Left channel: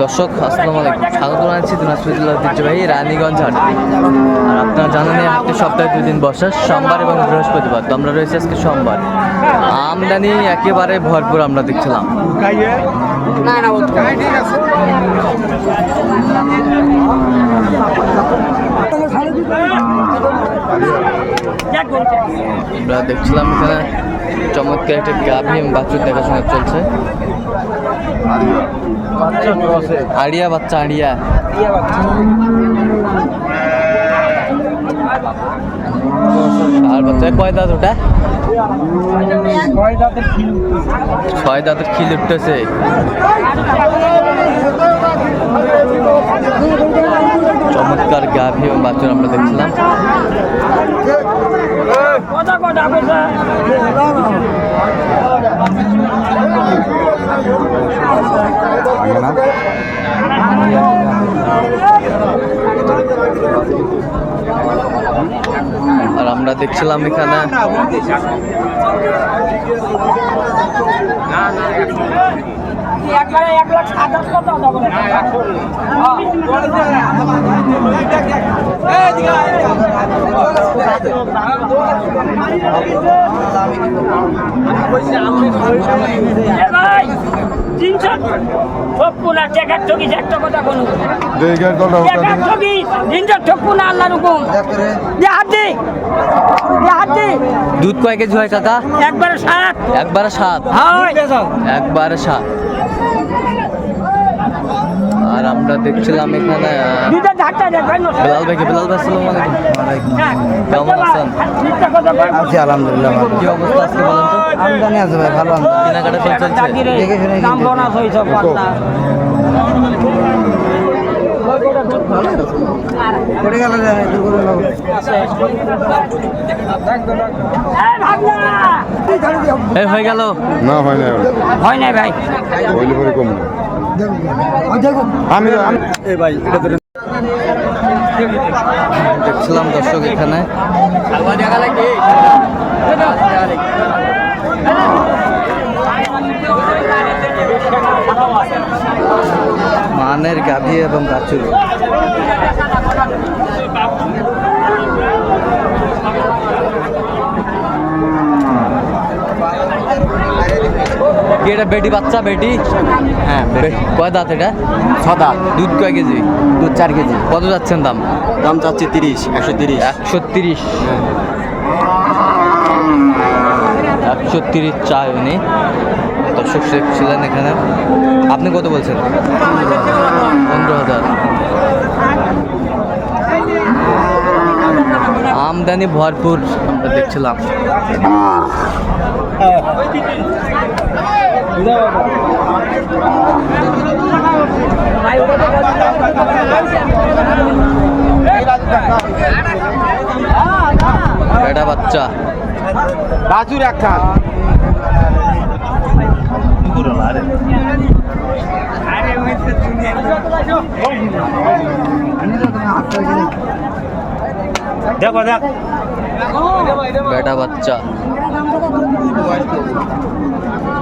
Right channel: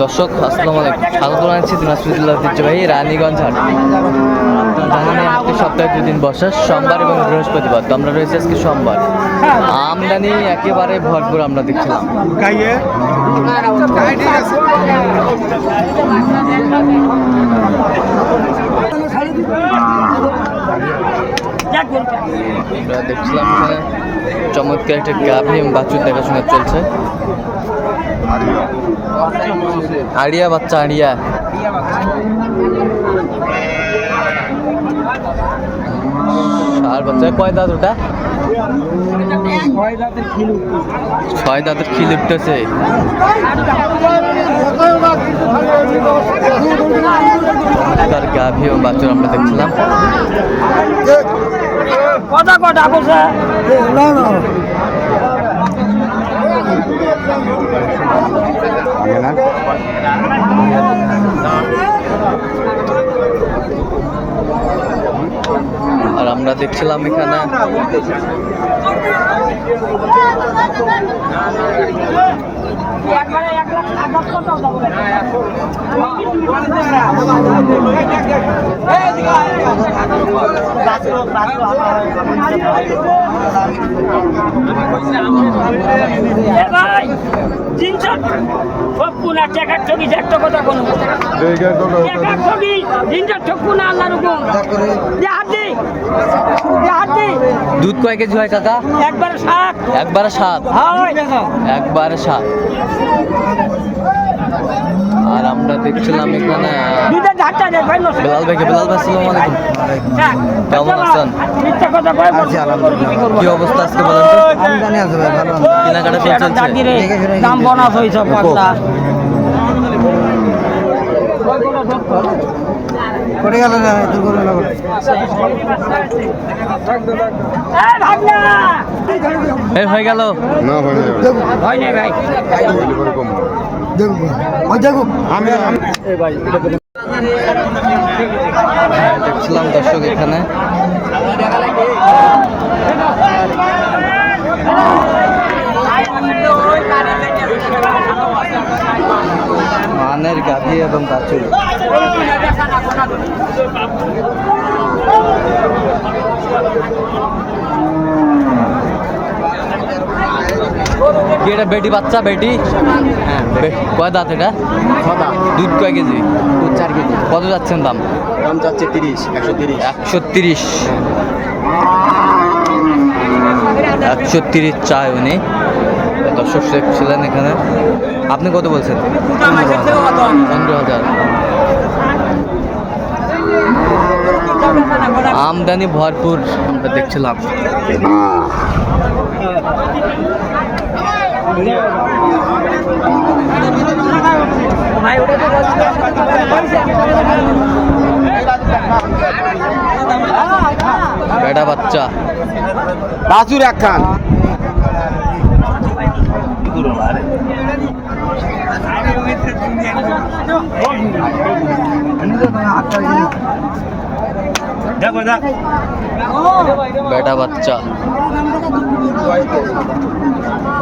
দর্শক, আসসালামু আলাইকুম। স্বাগত জানাচ্ছি দিনাজপুর জেলার ঐতিহ্যবাহী রানীগঞ্জ হাট। আপনারা জানেন প্রতি সপ্তাহে দুদিন বসে, সোমবার এবং বৃহস্পতিবার। তো আমরা রয়েছে আজকে সোমবার। আমদানি একেবারে ভরপুর আমরা দেখছিলাম। আমরা দেখছিলাম চমৎকার একটা গাভী এবং দেখাশোনা চলছে। আড়িয়া। বাচ্চা আড়িয়া। আর বাচ্চা কয় দাঁত ওটা? ছয় দাঁতের খিল উঠতেছে। চমৎকার গাভী এবং বাছুর আমরা দেখছিলাম। দেখছিলাম এখানে। একটা ঠকি আল্লাহর হুকুম হাত দুধ কয় কেজি হয় কাকা একবারে সাত। একবারে সাত? একবারে সাত। আর আমরা দেখছিলাম এখানে বেলাল ভাইকে। বেলাল ভাই সালাম আলাইকুম। কেমন আছেন? আছি আলহামদুলিল্লাহ কি অবস্থা আজকে বলেন তো? আমদানি আছে ভাই ভালো। কেনাকাটা চল চলছে দেখে শুনে কিনতেছি। পড়ে গেল যে দুর্ঘটনা ঘটে। এই হয়ে গেল? না হয় না হয় নাই ভাই। হইলে পরে কম। না আমি আমি- দেখছিলাম দর্শক এখানে। মানের গাভী এবং বাছুর। কি এটা বেটি বাচ্চা বেটি? হ্যাঁ কয় দাঁত এটা? সাদা। দুধ কয় কেজি? দুধ চার কেজি। কত যাচ্ছেন দাম? দাম চাচ্ছে তিরিশ একশো তিরিশ। একশো তিরিশ। একশো তিরিশ চায় উনি। দর্শক ছিলেন এখানে। আপনি কত বলছেন? পনেরো হাজার। আমদানি ভরপুর আমরা দেখছিলাম। বেটা বাচ্চা। এক খান। বেটা বাচ্চা।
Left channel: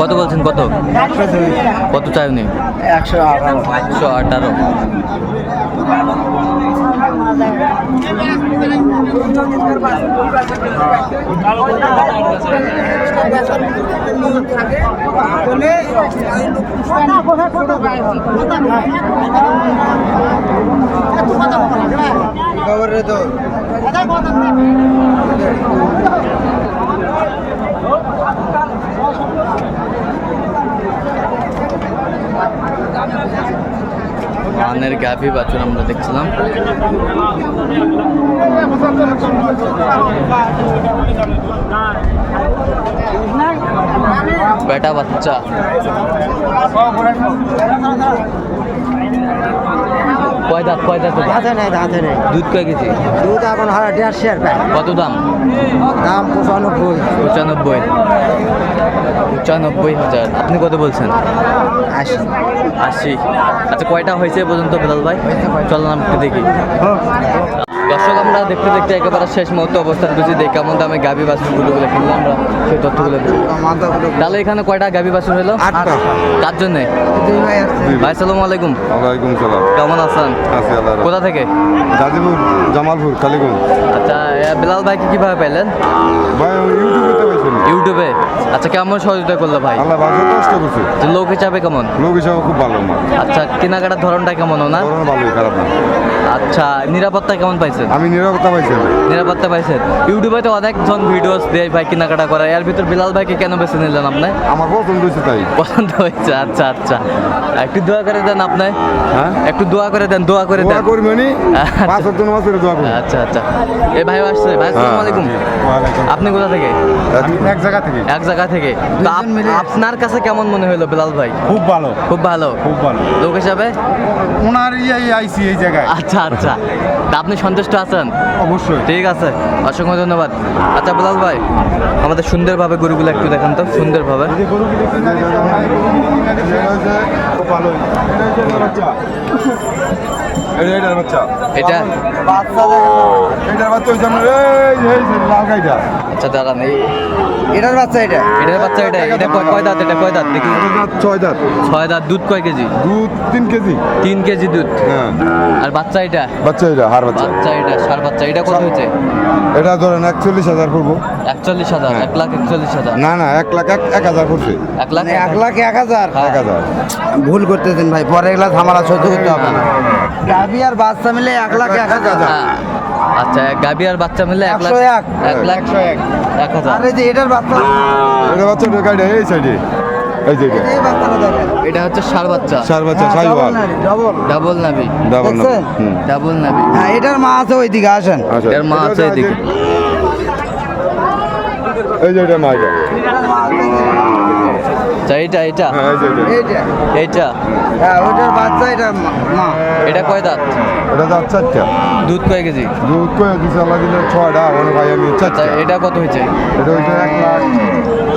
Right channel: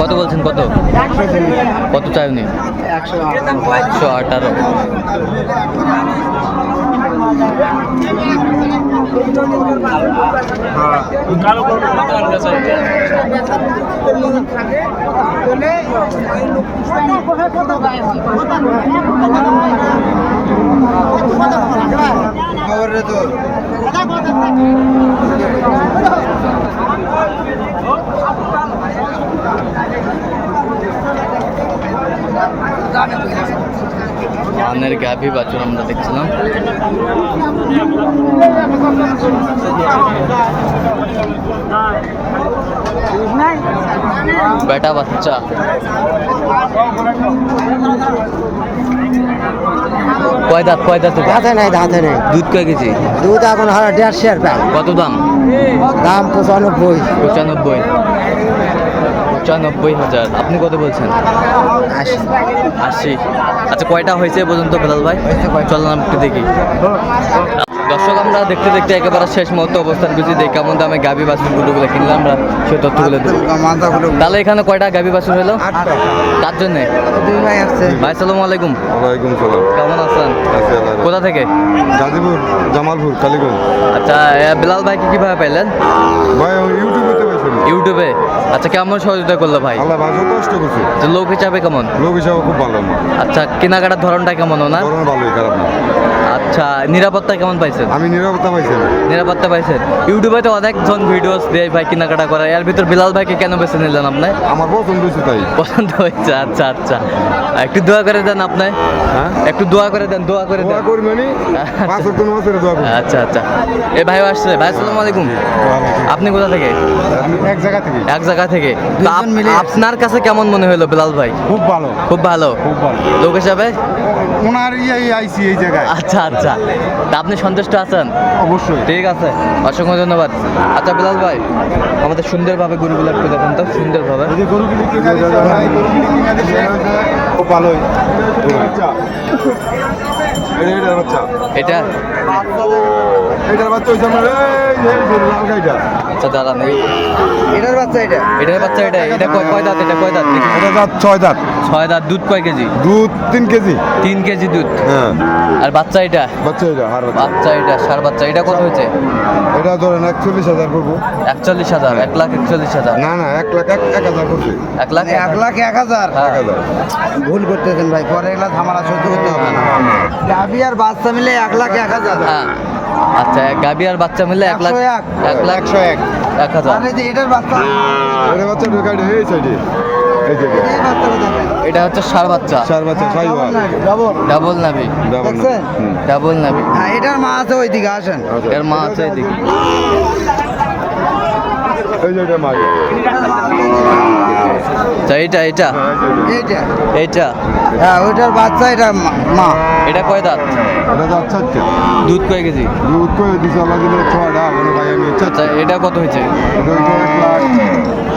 কত বলছেন কত? কত চাই উনি একশো একশো আঠারো। খবর রে তো মানের গাভী বাছুর আমরা দেখছিলাম। বেটা বাচ্চা। কয় দাঁত কয় দাঁত? হাতে নেই হাতে নেই। দুধ কয় কেজি? দুধ এখন হারা দেড়শো টাকা কত দাম? দাম পঁচানব্বই। পঁচানব্বই। পঁচানব্বই হাজার। আপনি কত বলছেন? আশি আশি আচ্ছা কয়টা হয়েছে পর্যন্ত বেলাল ভাই? চল না একটু দেখি। দর্শক আমরা দেখতে দেখতে একেবারে শেষ মুহূর্তে অবস্থান করছি। দেখি কেমন দামে গাভী বাছুর গুলোগুলো কিনলাম আমরা সেই তথ্যগুলো দেবো তাহলে এখানে কয়টা গাভী বাছুর হলো? কার জন্যে? ভাই সালাম আলাইকুম। ওয়ালাইকুম সালাম। কেমন আছেন? কোথা থেকে? গাজীপুর জামালপুর কালীগঞ্জ। আচ্ছা এ, বেলাল ভাইকে কীভাবে পেলেন ভাই ইউটিউবে ইউটিউবে? আচ্ছা কেমন সহযোগিতা করল ভাই? আল্লাহ ভালো কষ্ট করছে। লোক হিসাবে কেমন? লোক হিসাবে খুব ভালো আচ্ছা কেনাকাটার ধরনটা কেমন না ভালোই খারাপ না। আচ্ছা নিরাপত্তা কেমন পাইছেন? আমি নিরাপত্তা পাইছি। নিরাপত্তা পাইছেন? ইউটিউবে তো অনেকজন ভিডিওস দেয় ভাই কেনাকাটা করে এর ভিতর বিলাল ভাইকে কেন বেছে নিলেন আপনি? আমার পছন্দ হয়েছে তাই। পছন্দ হয়েছে আচ্ছা আচ্ছা। একটু দোয়া করে দেন আপনি। হ্যাঁ? একটু দোয়া করে দেন দোয়া করে দোয়া দেন। করি মানে পাঁচ মাসের দোয়া করি। আচ্ছা আচ্ছা। এ ভাই আসছে ভাই আসসালামু আলাইকুম। ওয়ালাইকুম আপনি কোথা থেকে? এক জায়গা থেকে। এক জায়গা থেকে। আপনার কাছে কেমন মনে হলো বিলাল ভাই? খুব ভালো। খুব ভালো। খুব ভালো। লোক হিসাবে? ওনার ইয়াই আইসি এই জায়গায়। আচ্ছা আচ্ছা। তা আপনি সন্তুষ্ট আছেন? অবশ্যই। ঠিক আছে। অসংখ্য ধন্যবাদ। আচ্ছা বিলাল ভাই আমাদের সুন্দরভাবে গরুগুলো একটু দেখান তো সুন্দরভাবে। এটা? এটার বাচ্চা হচ্ছে আমার এই, এই যে লাল গাইটা। আচ্ছা দাঁড়ান এই এটার বাচ্চা এটা? এটার বাচ্চা এটা এটা কয় কয় দাঁত এটা কয় দাঁত? দেখি। এটা দাঁত ছয় দাঁত। ছয় দাঁত দুধ কয় কেজি? দুধ তিন কেজি। তিন কেজি দুধ? হ্যাঁ। আর বাচ্চা এটা? বাচ্চা এটা হার বাচ্চা। বাচ্চা এটা সার বাচ্চা এটা কত হয়েছে? এটা ধরেন একচল্লিশ হাজার করব একচল্লিশ হাজার এক লাখ একচল্লিশ হাজার? না না এক লাখ এক এক হাজার করছে এক লাখ এক লাখ এক হাজার? হ্যাঁ। হাজার। ভুল করতেছেন ভাই পরে এগুলা ঝামেলা সহ্য করতে হবে না। গাভি আর বাচ্চা মিলে এক লাখ এক হাজার। হ্যাঁ। আচ্ছা এক গাবি আর বাচ্চা মিলে এক লাখ এক। এক লাখ এক। এক হাজার। এটার বাচ্চা এটা বাচ্চা ঢোকাইটা এই সাইডে। এটা। হচ্ছে সার বাচ্চা। সার বাচ্চা সাইওয়াল। ডবল ডাবল নাবি ডাবল না ডাবল নাবি হ্যাঁ এটার মা আছে ওইদিকে আসেন। এটার মা আছে এদিকে। এই যে এটা আচ্ছা এটা হ্যাঁ এটা। এইটা। এইটা? হ্যাঁ ওইটার বাচ্চা এটা মা। এটা কয় দাঁত? এটা দাঁত চারটা দুধ কয় কেজি? দুধ করে দিছে আল্লাহ দিলে ছয়টা ওখানে ভাই আমি আচ্ছা এটা কত হয়েছে?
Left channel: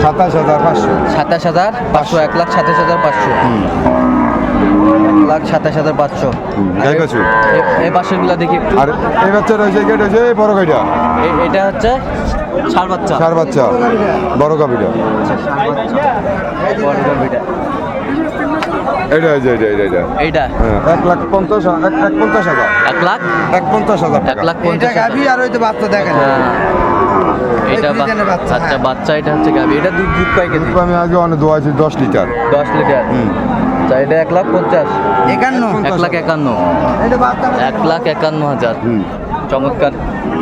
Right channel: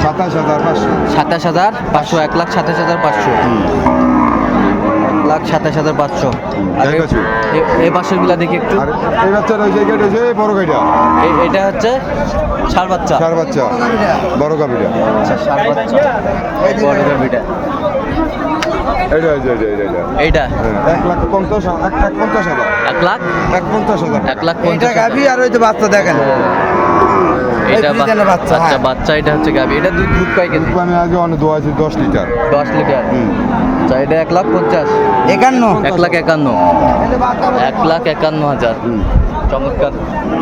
সাতাশ হাজার পাঁচশো। সাতাশ হাজার পাঁচশো এক লাখ সাতাশ হাজার পাঁচশো। লাখ সাতাশ হাজার পাঁচশো। আর এই পাশেরগুলা দেখি একটু। আর এই এটা এই বড় এটা হচ্ছে সার বাচ্চা। চার বাচ্চা। বড় গাবিটা আচ্ছা সার বাচ্চা। বড় গাভীটা। এটা এটা এটা এটা এইটা। হ্যাঁ, এক লাখ পঞ্চাশ এক লাখ পঞ্চাশ হাজার। এক লাখ? এক পঞ্চাশ হাজার এক লাখ পঞ্চাশ হাজার আর ওই যে বাচ্চা দেখেন। এটা বাচ্চা, আচ্ছা হ্যাঁ। বাচ্চা এটা হচ্ছে গাভী। এটা দুধ দুধ কেজি? আমি আগে অনেক দোয়াইছি দশ লিটার। দশ লিটার। এটা এক লাখ পঞ্চাশ। একান্ন? এক লাখ একান্ন। এক লাখ একান্ন হাজার। চমৎকার।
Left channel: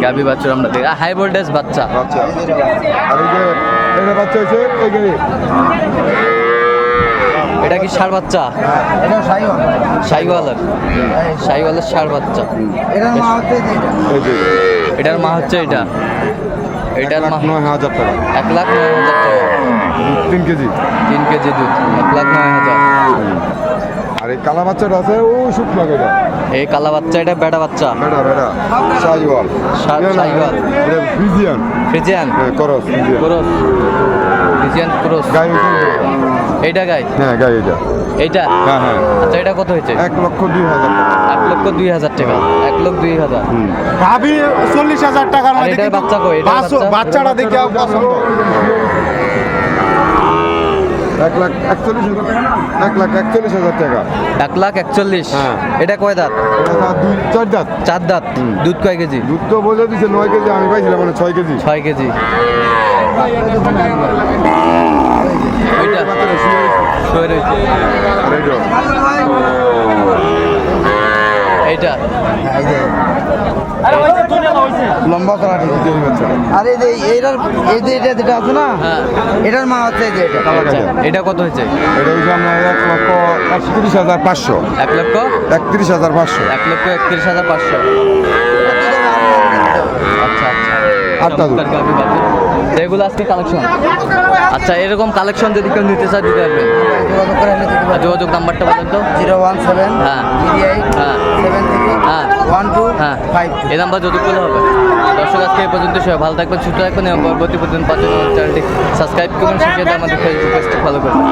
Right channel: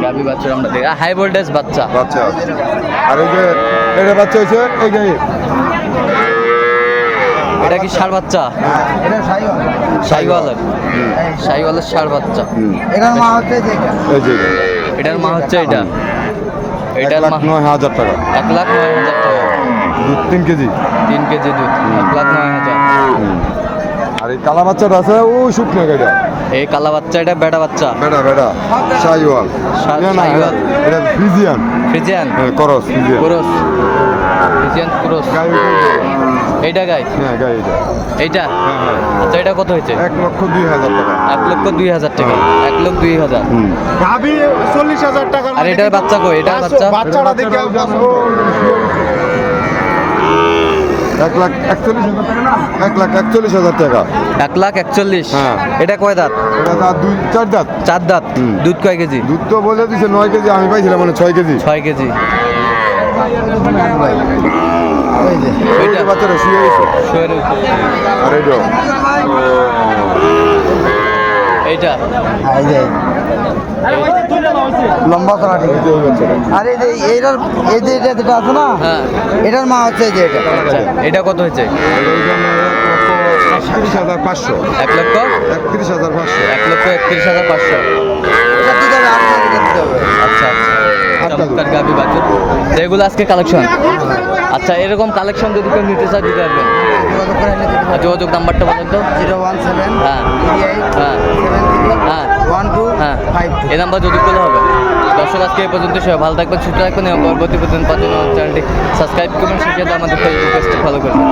গাভী বাচ্চা আমরা দেখি। হাই ভোল্টেজ বাচ্চা। বাচ্চা। আর এই যে এটা বাচ্চা হচ্ছে এই গাড়ি এটা কি ষাড় বাচ্চা? এটা সাইওয়াল। শাহিওয়ালের শাহিওয়ালের ষাড় বাচ্চা। এটার মা হচ্ছে এটা। এটার মা এটা নয় হাজার টাকা। এক লাখ নয় হাজার তিন কেজি? তিন কেজি দুধ এক লাখ নয় হাজার। আর এই কালা বাচ্চাটা আছে ও শুকনো গাড়িটা এই কালা বাচ্চা এটা বেটা বাচ্চা। বেটা বেটা সাইওয়াল সাইওয়াল। এটা ফ্রিজিয়ান। ফ্রিজিয়ান? হ্যাঁ cross Friesian. Cross. Friesian cross. গাই এইটা গাই? হ্যাঁ গাই এটা এইটা? হ্যাঁ হ্যাঁ। আচ্ছা এটা কত হয়েছে? এক লক্ষ দুই হাজার টাকা। এক লক্ষ দুই হাজার টাকা। এক লক্ষ দুই হাজার। হুম। চল্লিশ হাজার টাকা আর এটার বাচ্চা কই? এটার বাচ্চা? বাচ্চাটা দেখে এক লাখ একচল্লিশ? এক লাখ একচল্লিশ হাজার টাকা। এক লাখ একচল্লিশ। হ্যাঁ। এটা কয় দাঁত? দুই চার দাঁত। চার দাঁত। দুধ কয় কেজি? দুধ তো বলে দিছে নয় কেজি। আমি পাইছিলাম মানে ছয় কেজি। ছয় কেজি। এইটা। হ্যাঁ, লম্বা করা ঠিক। আর এই যে এইটার এই যে এটা যেটা আছে না হ্যাঁ। এটার মা হচ্ছে এই যে এটা। আচ্ছা এটা কত হয়েছে? একত্রিশ হাজার পাঁচশো। এক লক্ষ? একত্রিশ হাজার পাঁচশো। এক লক্ষ একত্রিশ হাজার পাঁচশো। আচ্ছা আচ্ছা। আচ্ছা। গাভি বাজে যেগুলো আজকে কালেকশন আচ্ছা এরকম কালেকশন যদি কেউ নিতে চায় দিতে পারবেন। যোগাযোগ করে নিতে আর যোগাযোগ নাম্বারটা বলেন তো। জিরো ওয়ান সেভেন হ্যাঁ। হ্যাঁ। হ্যাঁ। ওয়ান টু হ্যাঁ। ফাইভ এই নাম্বার যদি করলে হবে। দর্শক আজকে এই পর্যন্ত সবাই ভালো থাকবেন সুস্থ থাকবেন এবং পরবর্তী পর্যন্ত পাঁচজন চ্যানেলটি সাবস্ক্রাইব করবেন সেক্ষেত্রে আমাদের ফেসবুক পেজটি ফলো করবেন।